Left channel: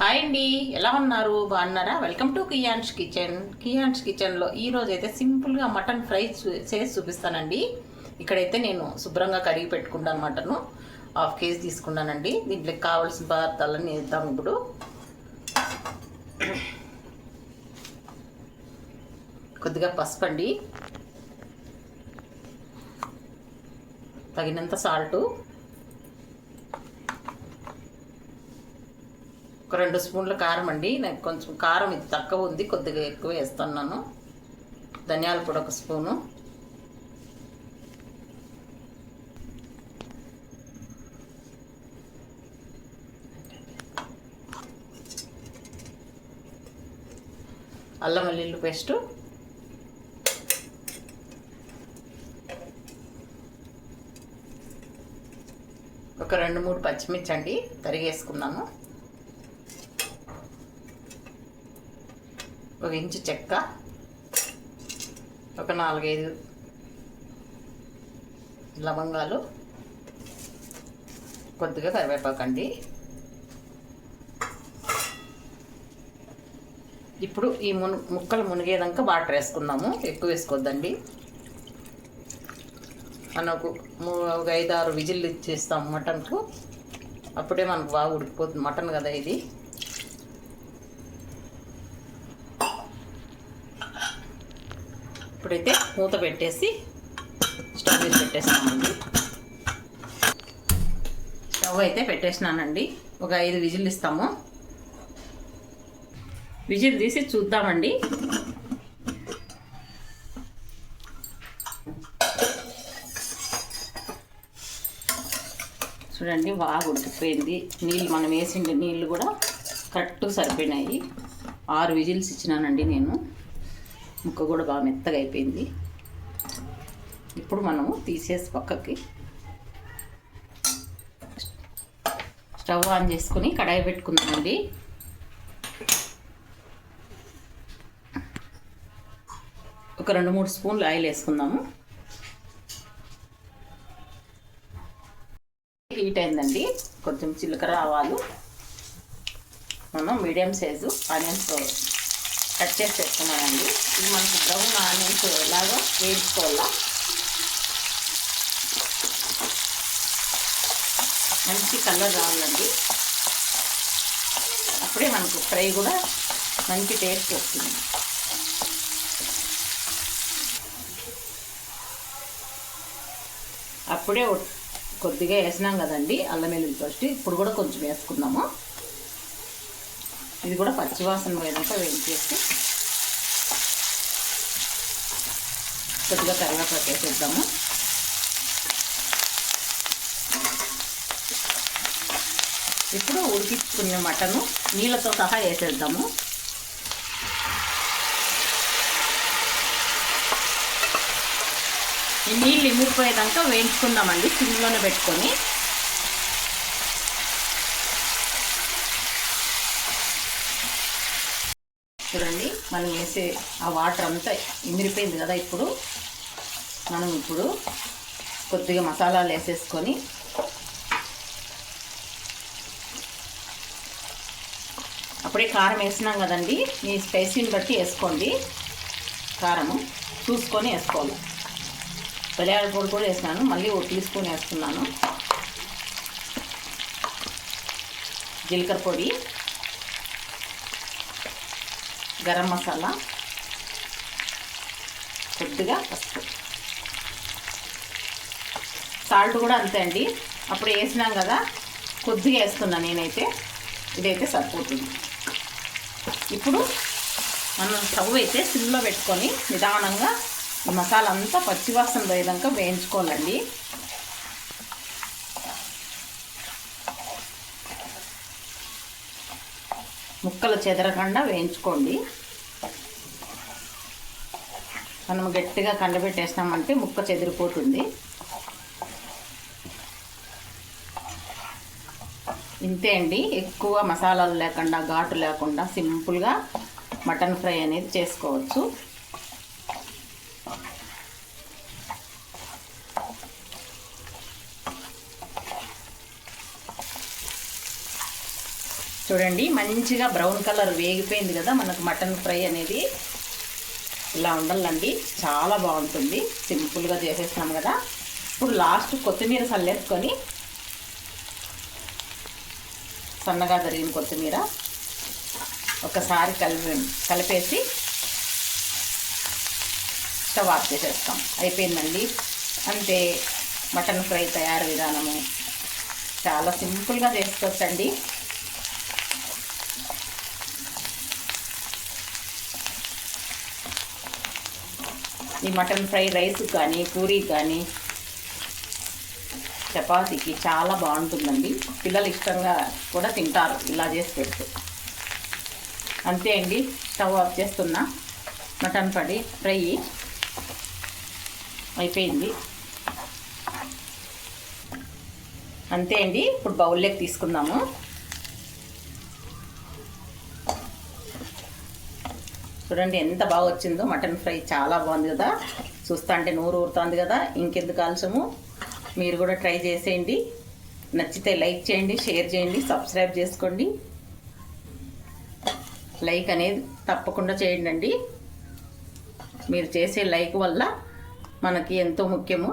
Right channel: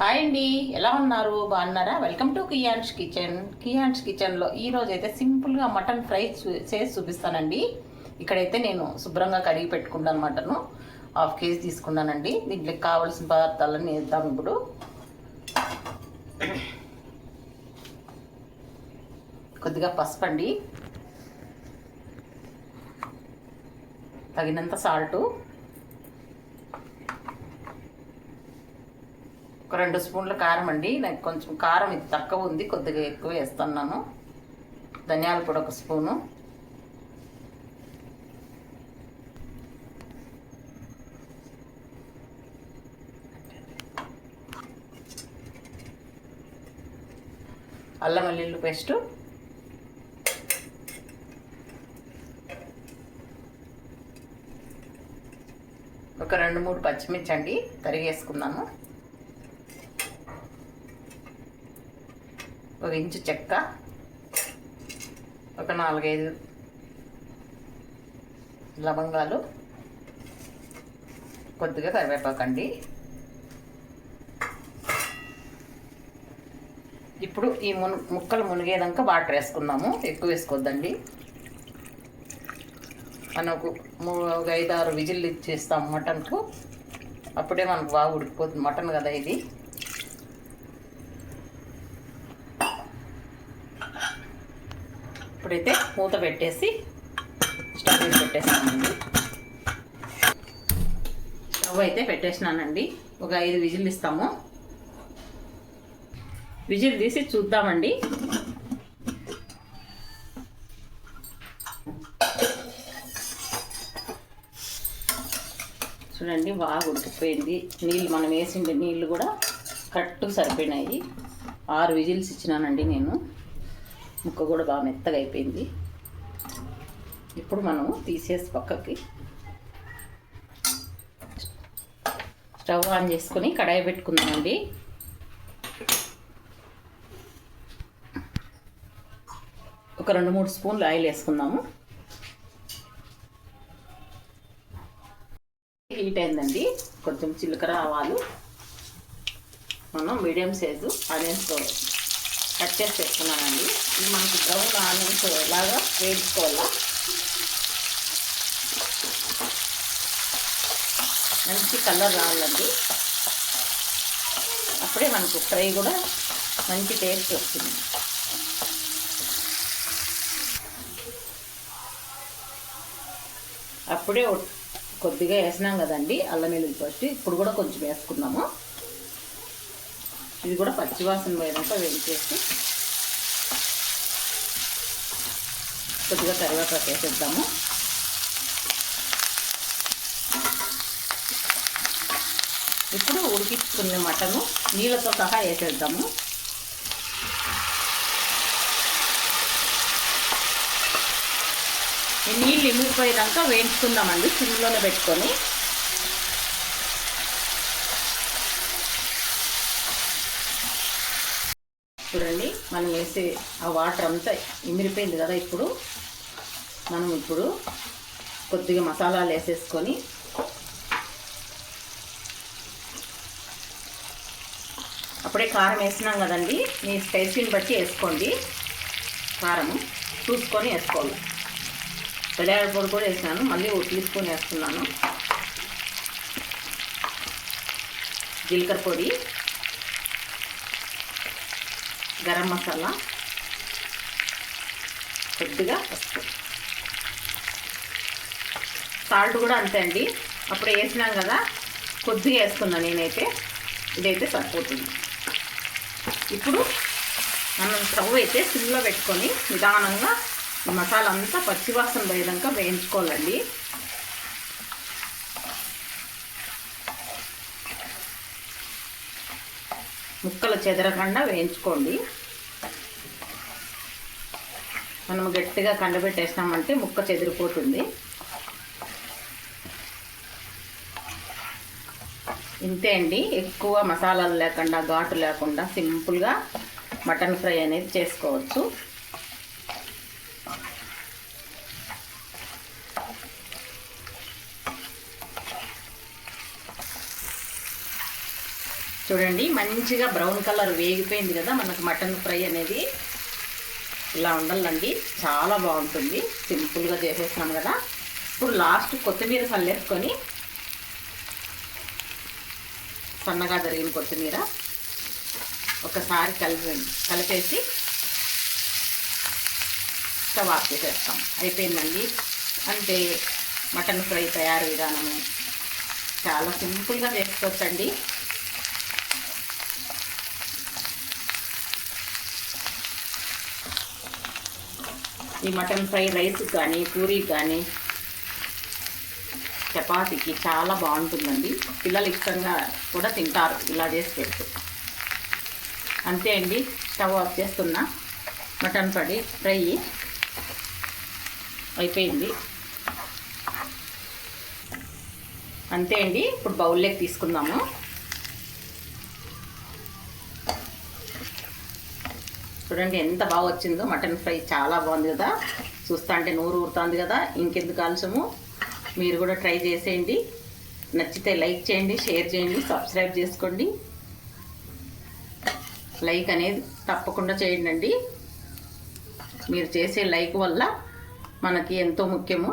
Hi అండి, ఎలా ఉన్నారు? బాగున్నారా? Welcome to Kiyan's Kitchen. Kiyan's కిచెన్లో ఈరోజు అయితే సింపుల్గా మటన్ ఫ్రై చేసి చూపిస్తానండి. ఇక్కడైతే నేను శుభ్రంగా కడిగి పెట్టుకుంటాను. మటను 1/2 కేజీ తీసుకున్నానండి. దీంట్లోకి కావాల్సిన పదార్థాలన్నీ వేద్దాం. ఇప్పుడు కొద్దిగా పసుపు అండి, తగినంత సాల్టు, ఒక 2 స్పూన్ల కారం అండి. నాకు కొంచెం కారం ఇది తక్కువ ఉంది, కొద్దిగా ఎక్కువ వేస్తున్నాను. ధనియాల పొడి 1 స్పూను, అల్లం వెల్లుల్లి పేస్టు, ఒక 2-3 పచ్చిమిర్చి అండి తరిగేసుకున్నాను, 1 ఇంచు చెక్క, ఒక 4-5 లవంగాలు, కొద్దిగా కరివేపాకండి. ఇప్పుడు ఈ ముక్కలు మునిగేదాకా వాటర్ వేసుకున్నాము, ఎక్కువ వేసుకోవద్దండి. మనకు 5-6 విజిల్లు ఇచ్చేస్తాము మటన్కు, అప్పుడే మనకు బాగా ఉడికిపోతుంది. మటన్ కదా ఇది. ఇప్పుడైతే మూత పెట్టేసి స్టవ్ మీద పెట్టేస్తానండి. స్టవ్ అయితే పెట్టేసినానండి. ఒక 5 విజిల్లు ఇస్తాము. విజిల్ తీసి చూద్దామండి. చూడండి, బాగా ఉడికిపోయింది. నీళ్ళు మనం వేసిన నీళ్ళు కూడా కరెక్ట్గా సరిపోయినాయి. 6 విజిల్స్ ఇచ్చినానండి నేను. ముక్క కూడా బాగా మెత్తగా అయిపోయింది. ఇప్పుడు మనము తీసేసి పక్కకి స్టవ్ ఆన్ చేసుకొని కడాయి పెట్టుకుందామండి. ఒక 2-3 స్పూన్లు ఆయిల్ వేసుకుందాము. హీట్ అయిందండి. కొంచెం జీలకర్ర, ఆవాలు, మనం మీడియం సైజు ఆనియన్స్ కట్ చేసి పెట్టుకున్నానండి. ఇది మనకి బ్రౌన్ ఆనియన్స్ లాగా వేయించుకోవాలా. మంచి కలర్ రావాలండి, అప్పుడే మనకు ఫ్రై కూడా మంచి టేస్ట్ వస్తుంది. అప్పుడే కొద్దిగా వేసినాం కదండి అల్లం వెల్లుల్లి పేస్ట్, ఇప్పుడు కూడా కొంచెం వేసుకున్నాము. ఇది కూడా పచ్చివాసన పోయేదాకా వేయించేసి కొద్దిగా కరివేపాకు వేసేద్దాము. ఇప్పుడు ఉడికించుకునే మటను నీళ్ళతో సహా వేసేద్దాము. ఈ నీళ్ళు ఇమిడిపోయేదాకా వేయించుకుందామండి సిమ్లోనే పెట్టుకొని. చూడండి, మనం వేసే ఆ వాటర్ అంతా ఇమిరిపోయింది కదా. ఇప్పుడు మనం కొద్దిగా మసాలాలు వేసేసుకొని అప్పుడే కారం వేసినాం కదండి. మీ స్పైసీని బట్టి వేసుకోండి. కారము చూసుకొని వేసుకోవాలి. ధనియాల పొడి కూడా వేసినాను, మళ్ళీ 1 టీ స్పూన్ వేస్తున్నాను. జీలకర్ర పొడి, గరం మసాలా, కొద్దిగా పసుపు, సాల్ట్ కూడా అంతే అండి. అప్పుడు వేసినాం కదా, కొద్దిగా వేస్తున్నాను నేనైతే. ఇదైతే సరిపోతుంది. ఇప్పుడు మనం స్టవ్ అయితే సిమ్లో పెట్టుకొని నిదానంగా మసాలా అంతా పచ్చివాసన పోయేదాకా వేయించుకోవాలండి. ముక్కలు చెదరకుండా వేయించుకోండి. మనం గట్టిగా కండబెట్టేస్తామంటే ముక్క చెదిరిపోతుంది. ఇంతే అండి, ఎక్కువ మసాలాలు లేకుండా, ఘాటు లేకుండా సింపుల్గా మటన్ ఫ్రై అనేది చేసుకోవచ్చు. చూడండి మంచిగా బ్రౌన్ కలర్ వేగిపోయింది కదా మనకు మటన్ ఫ్రై అనేది. ఇలా ఉండాలండి, చాలా బాగుంటుంది. సింపుల్గా చేసేసినాం కదా. ఇప్పుడు లాస్ట్ కొత్తిమీర చల్లేసుకొని, సన్నగా తరిగిన కొత్తిమీర ఒకసారి కలిపేసి స్టవ్ ఆఫ్ చేసేస్తాం. అయిపోయిందండి. అంటే మటన్ ఫ్రై తయారు విధానము చాలా సింపుల్గా చేసుకోవచ్చండి. ఈ మటన్ ఫ్రై రైస్ కానీ, పూరీ కానీ, చపాతీకి చాలా బాగుంటుందండి. పిల్లలు ఇష్టంగా కూడా తింటారు ఇలా చేసి పెడుతూ. అంతే అండి, స్టవ్ ఆఫ్ చేస్తున్నా. మటన్ ఫ్రై అయిపోయింది. అంతే అండి. ఇప్పుడు బౌల్లోకి తీసుకుందాము. చూడండి ఎంత బాగా వచ్చిందో మటన్ ఫ్రై. చాలా బాగుంది కదా, చూస్తా అంటే నోరు ఊరుతుంది కదా. ఇంకెందుకు ఆలస్యము, మీరు కూడా ట్రై చేసేయండి. నచ్చితే లైక్ చేయండి, షేర్ చేయండి, సబ్స్క్రైబ్ చేసుకోండి. లైక్ అనేది తప్పకుండా చేయండి. మీరు చేసే లైక్ వల్ల మనకి ఎంతో ముఖ్యము.